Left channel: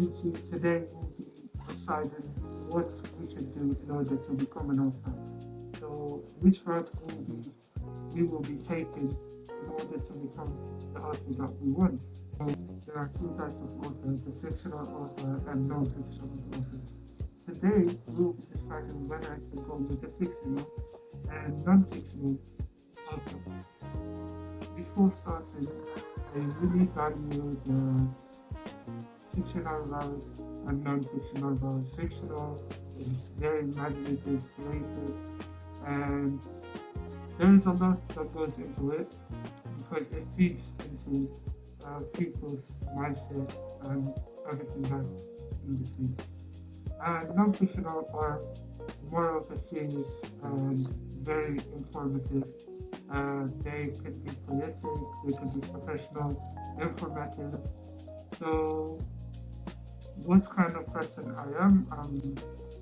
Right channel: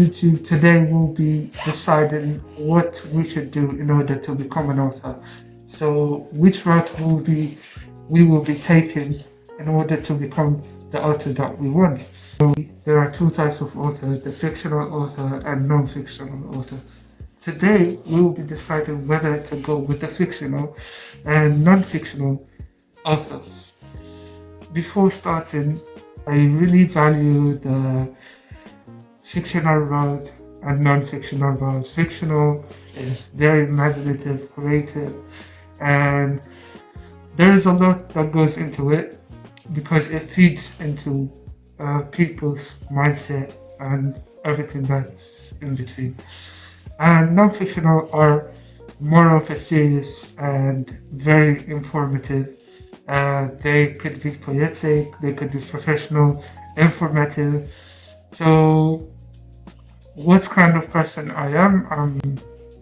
YouTube, today we'll be deciding what we should do in order to become an author. So which route we will be taking in order to become the author that we want. So there are two types of author, the fictional author and non-fictional author. Today we will be deciding whether to go with the fictional and non-fictional authors. Before starting, I really value the fictional route and non-fictional route. Fictional is very imaginative, creative, and there is a lot that goes into it because it feeds into people's mindset and everything that's in between. And non-fictional are more of a serious and very informative. They could be poetic, they could be professional, informative. So what kind of person I am? I'm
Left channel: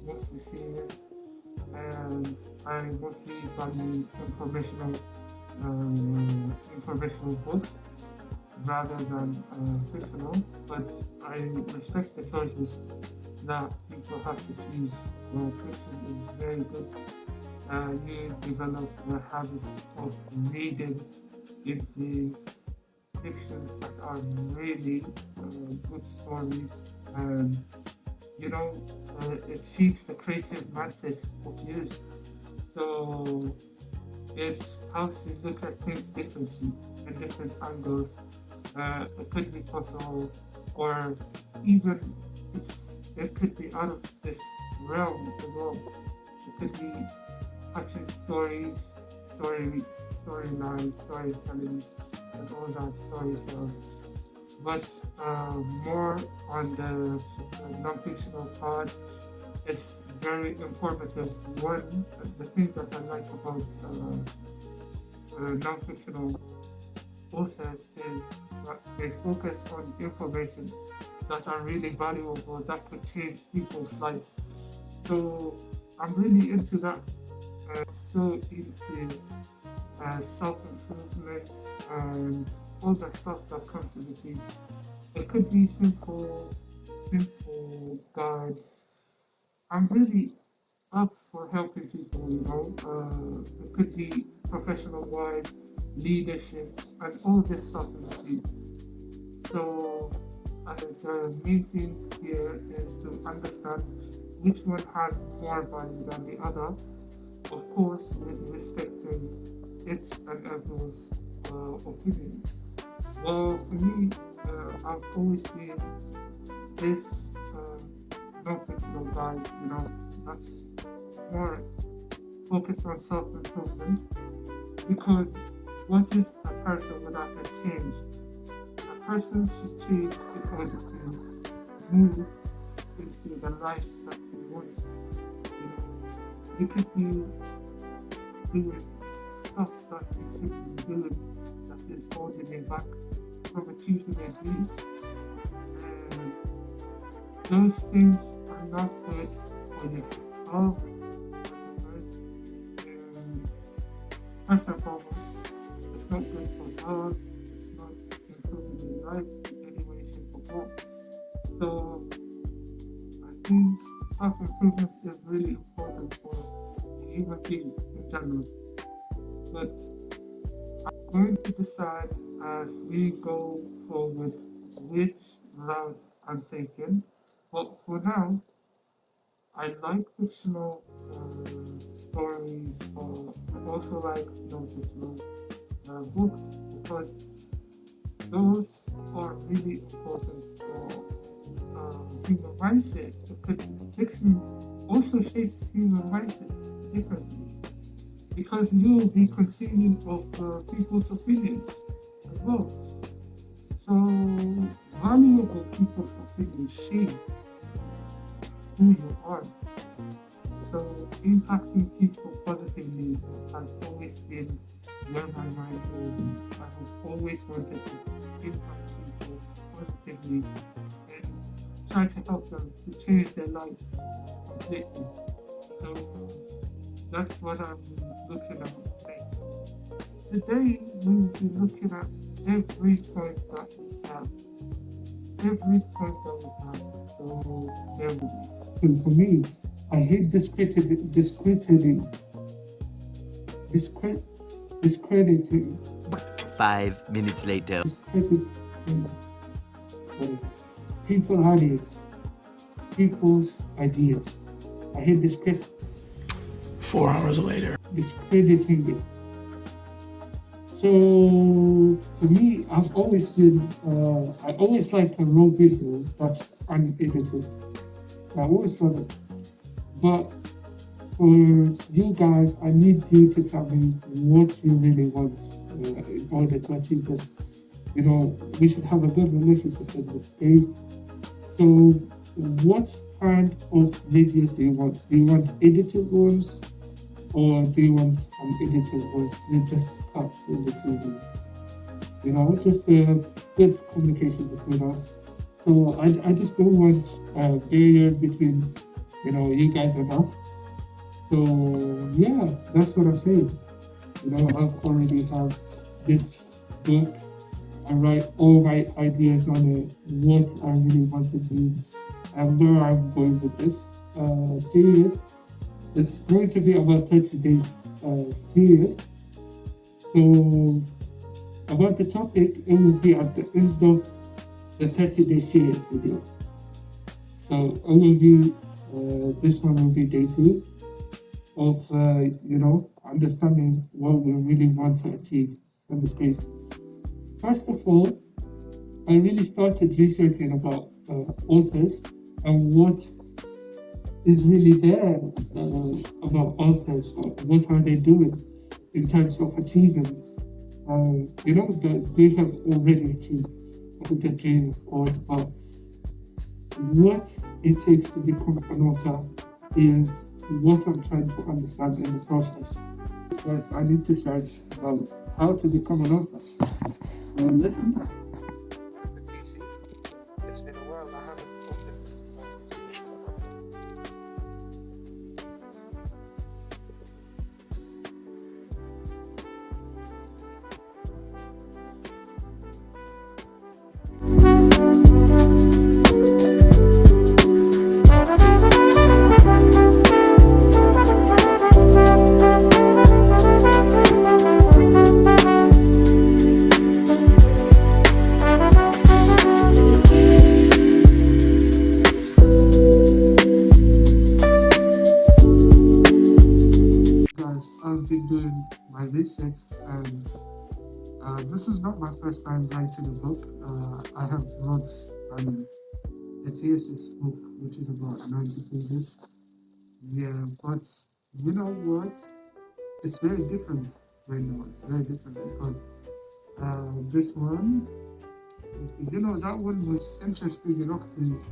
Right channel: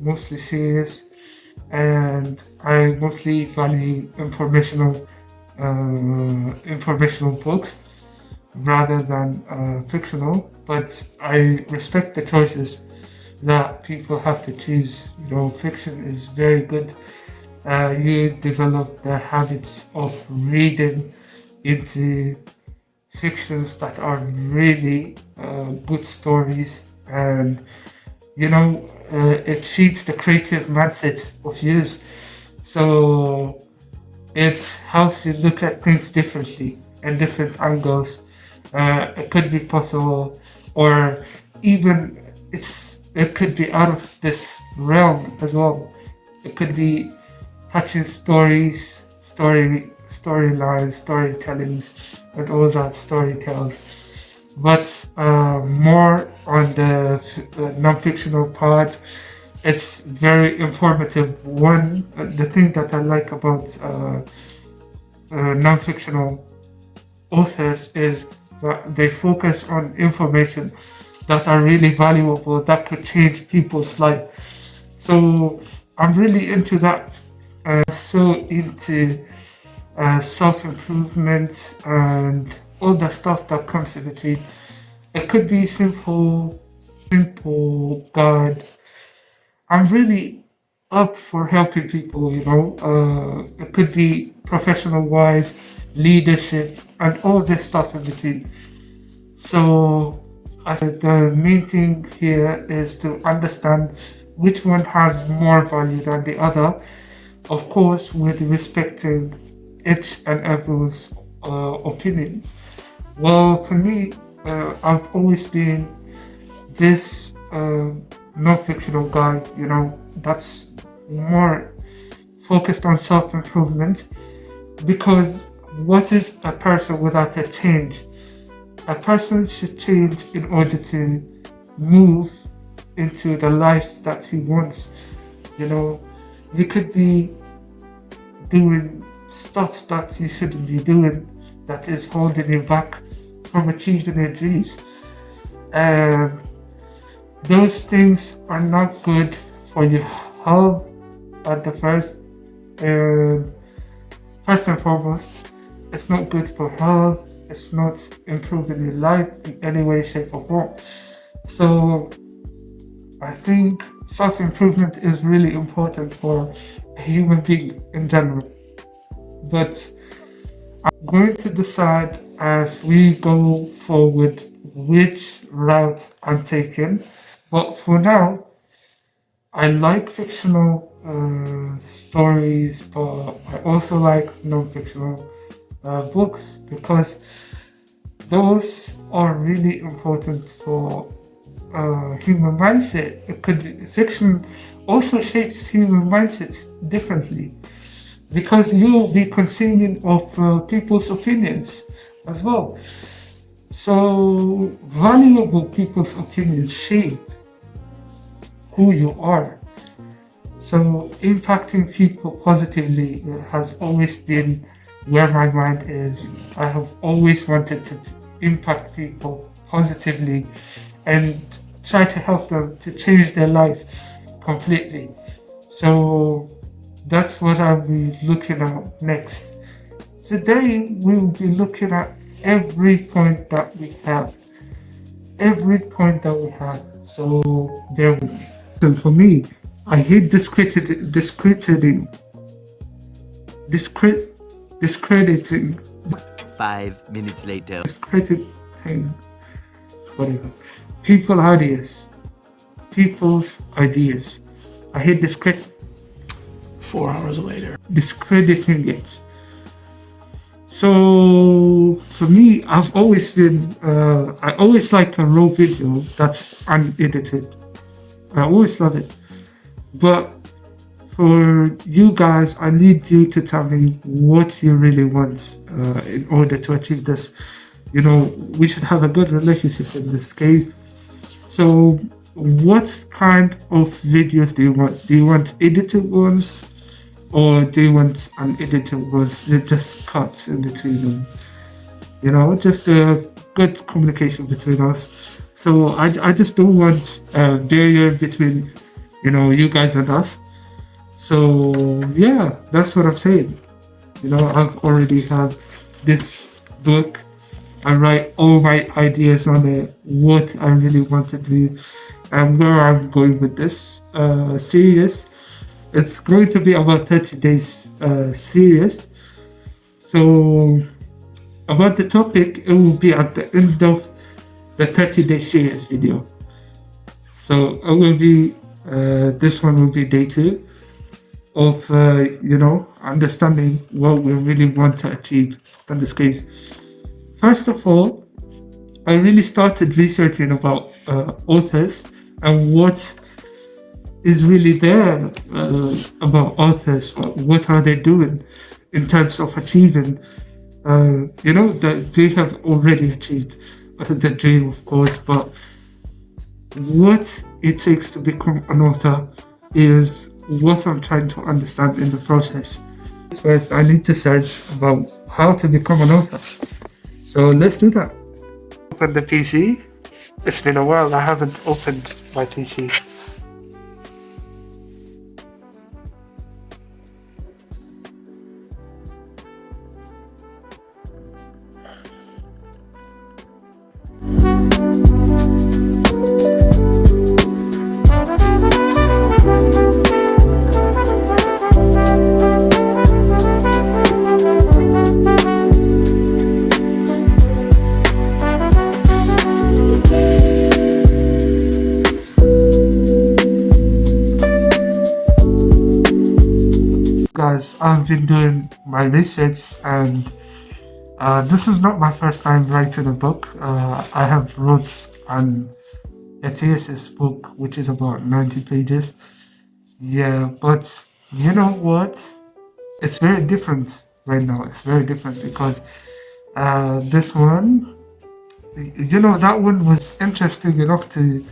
mostly serious and I mostly value informational books rather than fictional. But I respect the choices that people have to choose. You know, fiction is very good. You develop the habits of reading into fictions that are really good stories, and it feeds the creative mindset of yours. So it helps you look at things differently and different angles. It could be possible, or even it could be out of this realm as well. It could be touching stories, storylines, storytellings, and all that storytells. But more on the non-fictional part, it's very informative. The thing that I like about non-fictional authors is that they focus on information that are really valuable, that could change people's life. So I'm really into that. So into self-improvement and all the stuff that comes with it. It could be simple guide. I'm really up for helping people, it could be professional wise, leadership, and all this stuff in between. So the main thing here is to understand which one has more value than the other, of course, with respecting each and everyone's opinion. Well, for me, I've always been this non-fictional guy, that's more focused on self-improvement, because what is a person without a change? A person should change in order to move into the life that he wants. You could be doing stuff that you shouldn't be doing, that is holding you back from achieving your dreams. And those things are not good for your health at the first and foremost. It's not good for health. It's not improving your life in any way, shape, or form. So I think self-improvement is really important for a human being in general. But I'm going to decide as we go forward which route I'm taking. But for now, I like fictional stories, but I also like non-fictional books, because those are really important for human mindset. Fiction also shapes human mindset differently, because you'll be consuming of people's opinions as well. So valuable people's opinions shape who you are. So impacting people positively has always been where my mind is. I have always wanted to impact people positively and try to help them to change their life completely. So that's what I'll be looking at next. Today we'll be looking at every point that we have. every point that we had. So there we go. And for me, I hate discrediting, 5 minutes later. discrediting, whatever. People's ideas. I hate 4 hours later. discrediting it. So for me, I've always been, I always like a raw video that's unedited. I always love it. But for you guys, I need you to tell me what you really want in order to achieve this. You know, we should have a good relationship in this case. So, what kind of videos do you want? Do you want edited ones? Or do you want unedited ones? Just cuts in between them. You know, just a good communication between us. So I just don't want a barrier between, you know, you guys and us. So yeah, that's what I'm saying. You know, I've already had this book. I write all my ideas on it, what I really want to do, and where I'm going with this series. It's going to be about 30 days series. So about the topic, it will be at the end of the 30-day series video. So it will be, this one will be day 2 of, you know, understanding what we really want to achieve in this case. First of all, I really started researching about authors and what is really there about authors. What are they doing in terms of achieving, you know, that they have already achieved the dream, of course, but what it takes to become an author is what I'm trying to understand in the process. First, I need to search about how to become an author. So let's do that. Open the PC. It's been a while, I haven't opened my PC. Guys, I've been doing my research, and this is not my first time writing a book. I have wrote a thesis book which is about 90 pages. Yeah, but you know what? It's very different right now. It's very different because this one, you know, that one was interesting enough to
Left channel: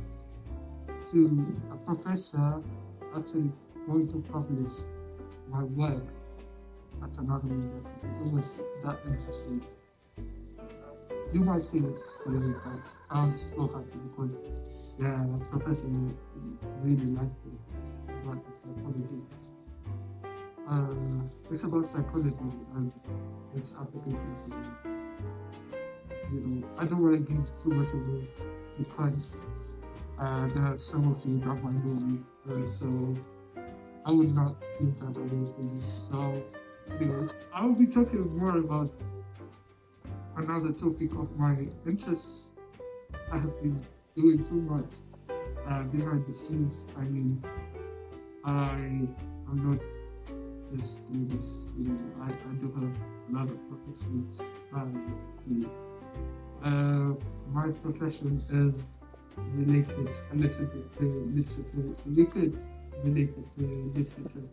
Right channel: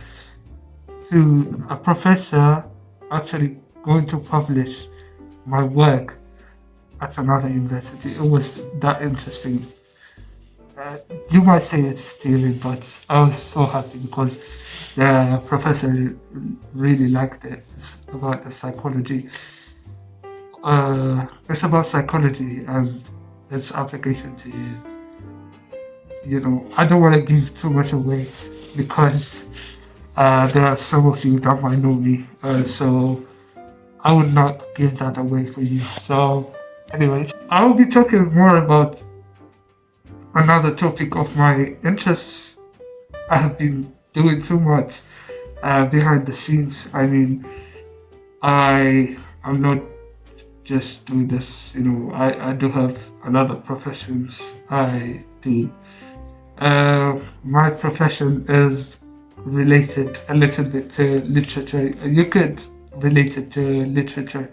a professor actually going to publish my work at another university. It was that interesting. You might say it's stealing, but I was so happy because the professor really liked it. It's about the psychology. It's about psychology and its application to you know, I don't want to give too much away because there are some of you that might know me, so I would not give that away for you. So anyways, I will be talking more about another topic of my interests. I have been doing too much behind the scenes. I mean, I'm not just doing this, you know, I do have another professions I do. My profession is related a little bit to literature. You could relate it to literature.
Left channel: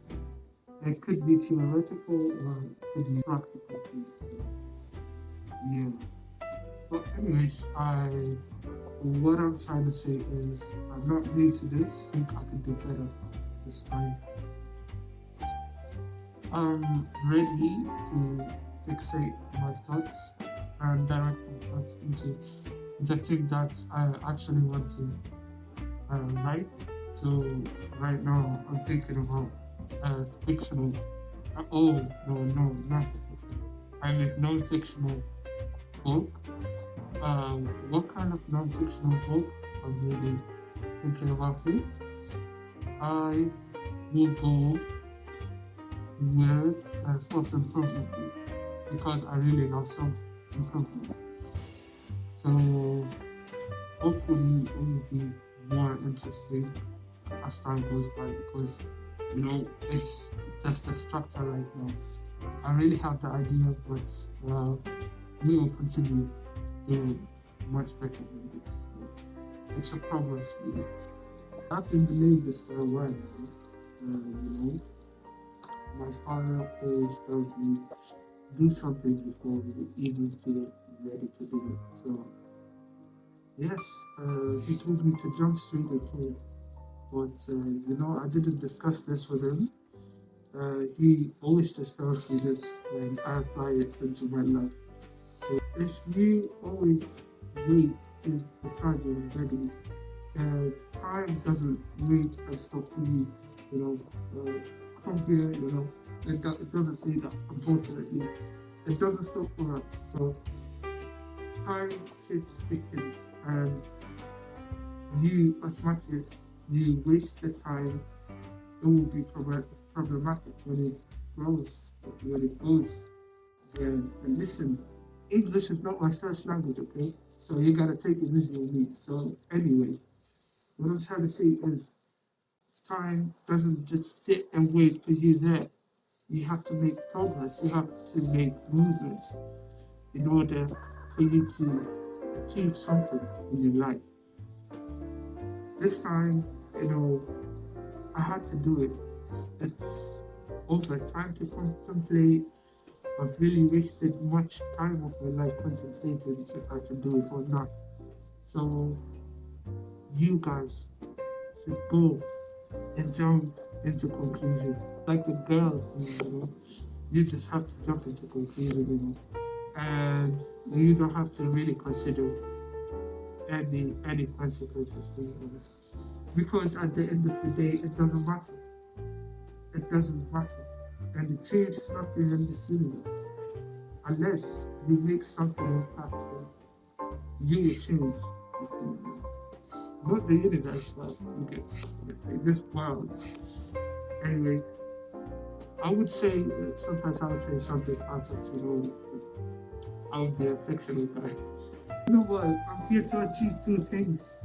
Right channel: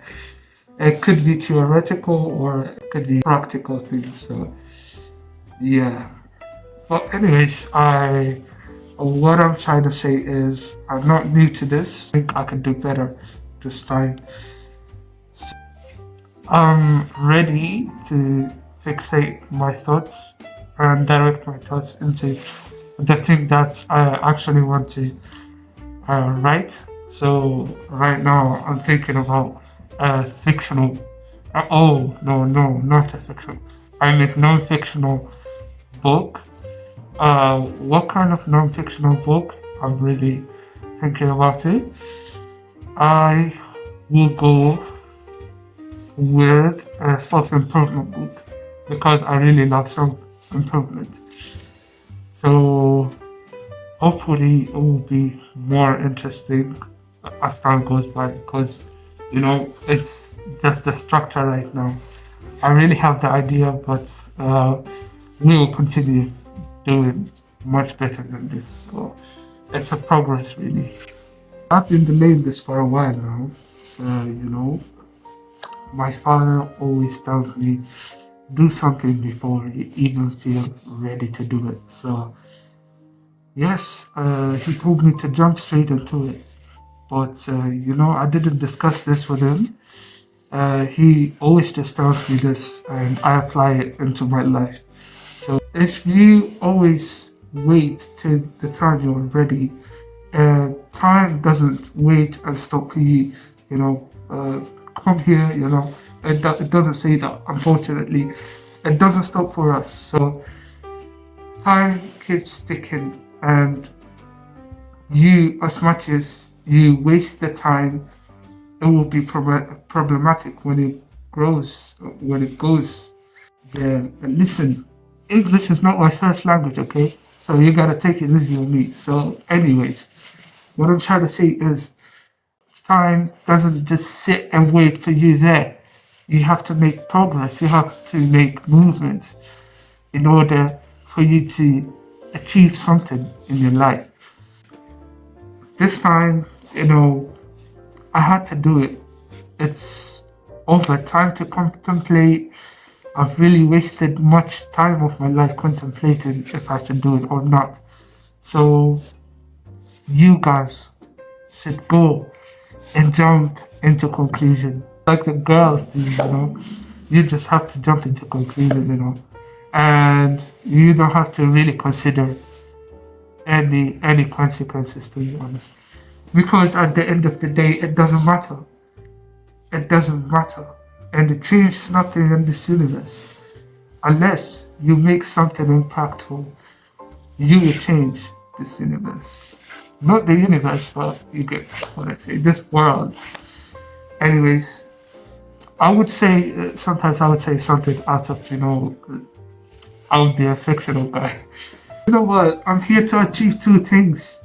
It could be theoretical or it could be practical things. So yeah. But anyways, what I'm trying to say is I'm not new to this. I think I can do better this time. So I'm ready to fixate my thoughts and direct my thoughts into the thing that I actually want to write. So right now I'm thinking about a fictional. Oh no, not a fictional. I mean non-fictional book What kind of non-fictional book? I'm really thinking about it. I will go with a self-improvement book because I really love self-improvement. So hopefully it will be more interesting as time goes by because it's just the structure right now. I really have the idea, but we will continue doing much better than this. So it's a progress, really. I've been delaying this for a while now. My father always tells me do something before you even feel ready to do it. So yes, he told me to jump straight into it. But I didn't discuss this with him. He always just tells me this, and I apply it into my life. So if you always wait till the time you're ready, time doesn't wait and stop for you. Come here. It doesn't say that. Unfortunately, it doesn't stop for us. So time keeps ticking, and you, as much as you waste the time, it will be problematic when it grows, when it goes. Yeah, and listen, English is not my first language, okay? So you gotta take it easy on me. So, anyways, what I'm trying to say is, time doesn't just sit and wait for you there. You have to make progress. You have to make movement in order for you to achieve something in your life. This time, I had to do it. It's over. Time to contemplate. I've really wasted much time of my life contemplating if I should do it or not. So you guys should go and jump into conclusion. Like the girls do. You just have to jump into conclusion. And you don't have to really consider any consequences, to be honest. Because at the end of the day, it doesn't matter. It doesn't matter. And it changes nothing in this universe. Unless you make something impactful, you will change this universe. Not the universe, but you get what I say, this world. Anyways, I would say, sometimes I would say something out of, I would be a fictional guy. You know what? I'm here to achieve two things.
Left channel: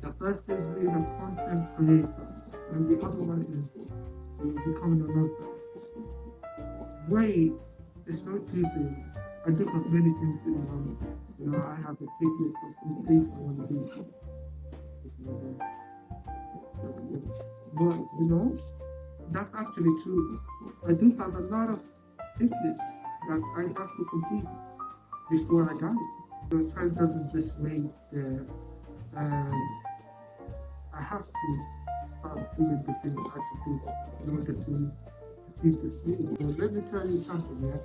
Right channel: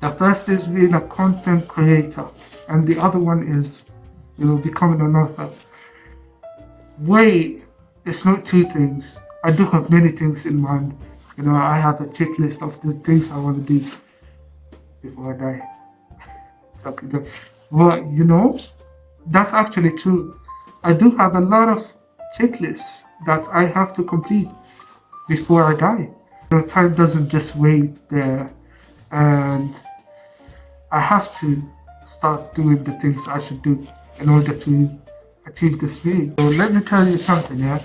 The first is being a content creator, and the other one is, becoming an author. Wait, it's not two things. I do have many things in mind. I have a checklist of the things I want to do before I die. But that's actually true. I do have a lot of checklists that I have to complete before I die. Time doesn't just wait there, and I have to start doing the things I should do in order to achieve this dream. So let me tell you something, yeah?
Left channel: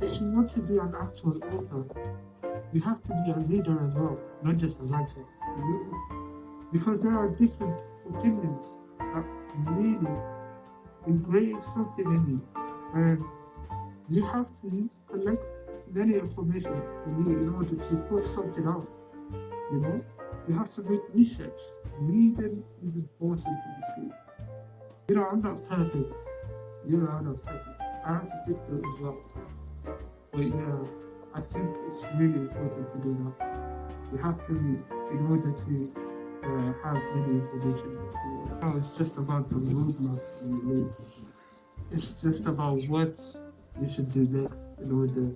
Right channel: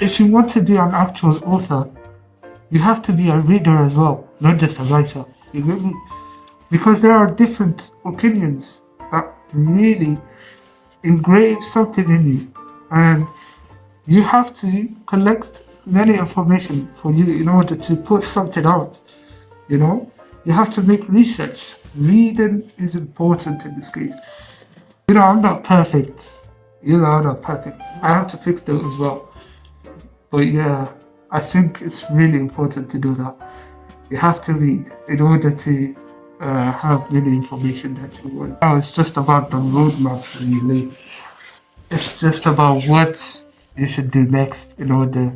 If you want to be an actual author, you have to be a reader as well, not just a writer. You get me? Because there are different opinions that really engrave something in you. And you have to collect many information for you in order to put something out. You have to make research. Reading is important in this case. I'm not perfect. I'm not perfect. I have to fix that as well. But yeah, I think it's really important to do that. You have to read in order to have many information that you want. Now it's just about the roadmap, really. It's just about what you should do next in order.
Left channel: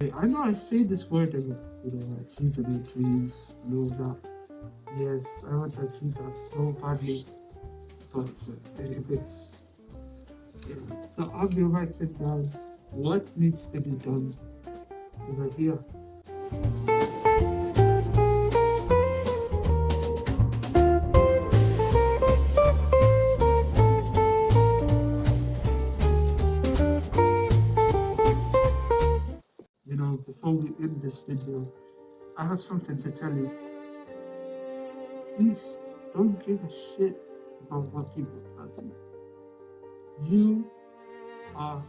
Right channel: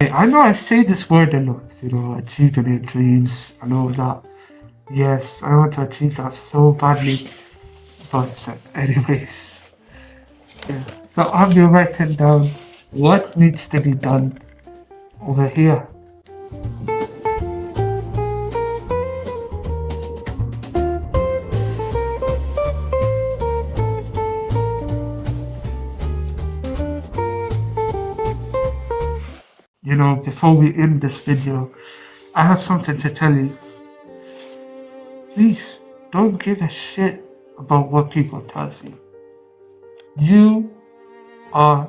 I know I say this word a lot, achieving your dreams and all that. Yes, I want to achieve that so badly. But anyways, yeah. So I'll be writing down what needs to be done over here. Before we end this video, I have something to tell you. Please don't give a shit about what people tell you. You are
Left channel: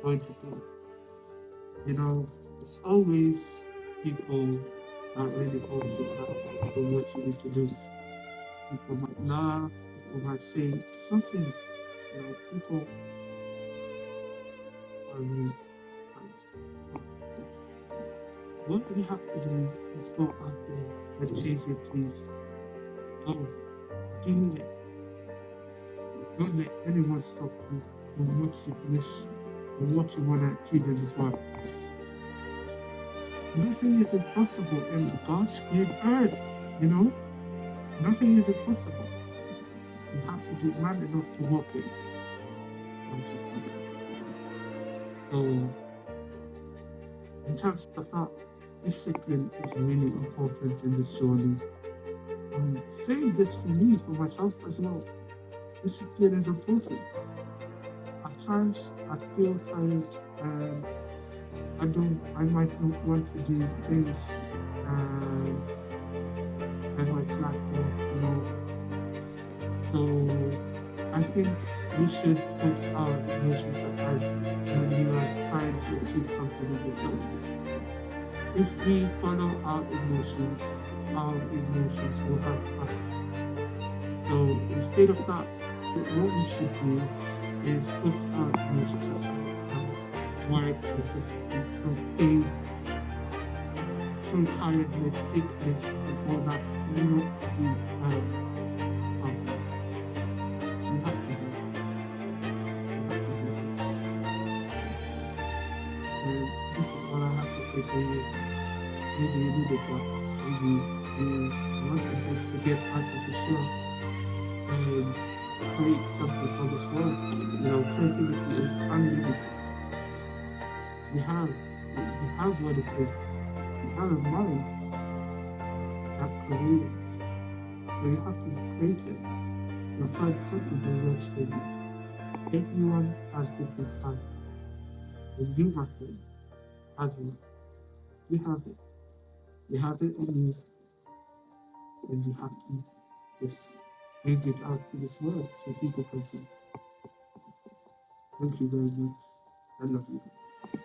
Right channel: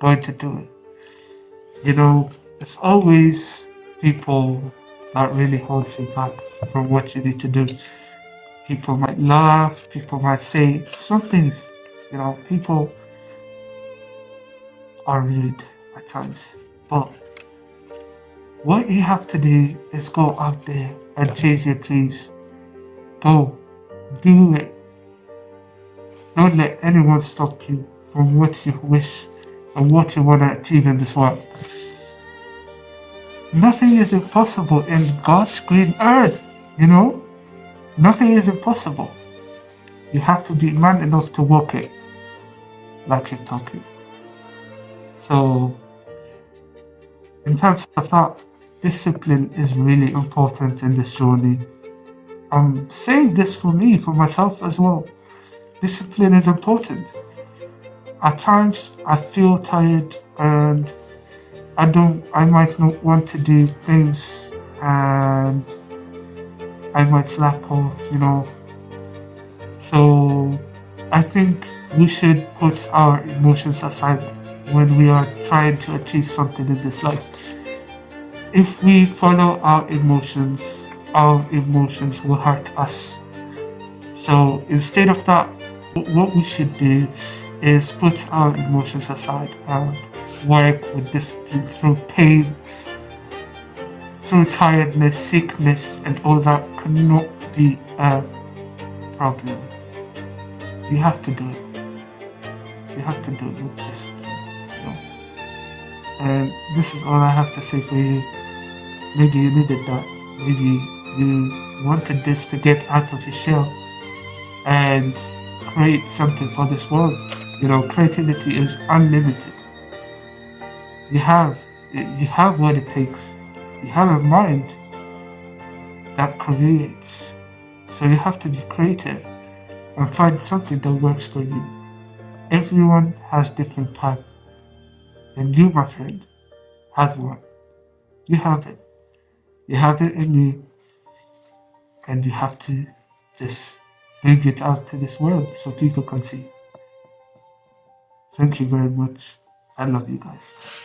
going to do it. You know, it's always people that really hold you back from what you need to do. People might laugh, people might say some things, people are rude at times. But what you have to do is go out there and chase your dreams. Go, do it. Don't let anyone stop you from what you wish and what you want to achieve in this world. Nothing is impossible in God's green earth, you know? Nothing is impossible. You have to be man enough to walk it like you're talking. So, in terms of that, discipline is really important in this journey. I'm saying this for me, for myself as well. Discipline is important. At times, I feel tired and I might not want to do things and I might slack off. So I think we should put our emotions aside when we are trying to achieve something in this life. If we follow our emotions will hurt us. So instead of that, what we should do is put our emotions aside and work with discipline through pain, through tiredness, sickness, and all that cannot be a problem. You have to do it. You have to do it with discipline. And this is all I have to say for you. Maybe you needed that. Maybe you wanted this to get out of your shell and create something for this world. Creativity is unlimited. You have what it takes. You have a mind that creates. So you have to be creative and find something that works for you. Everyone has different paths. And you, my friend, have one. You have it. You have it in you. And you have to just bring it out to this world so people can see. Thank you very much. I love you guys.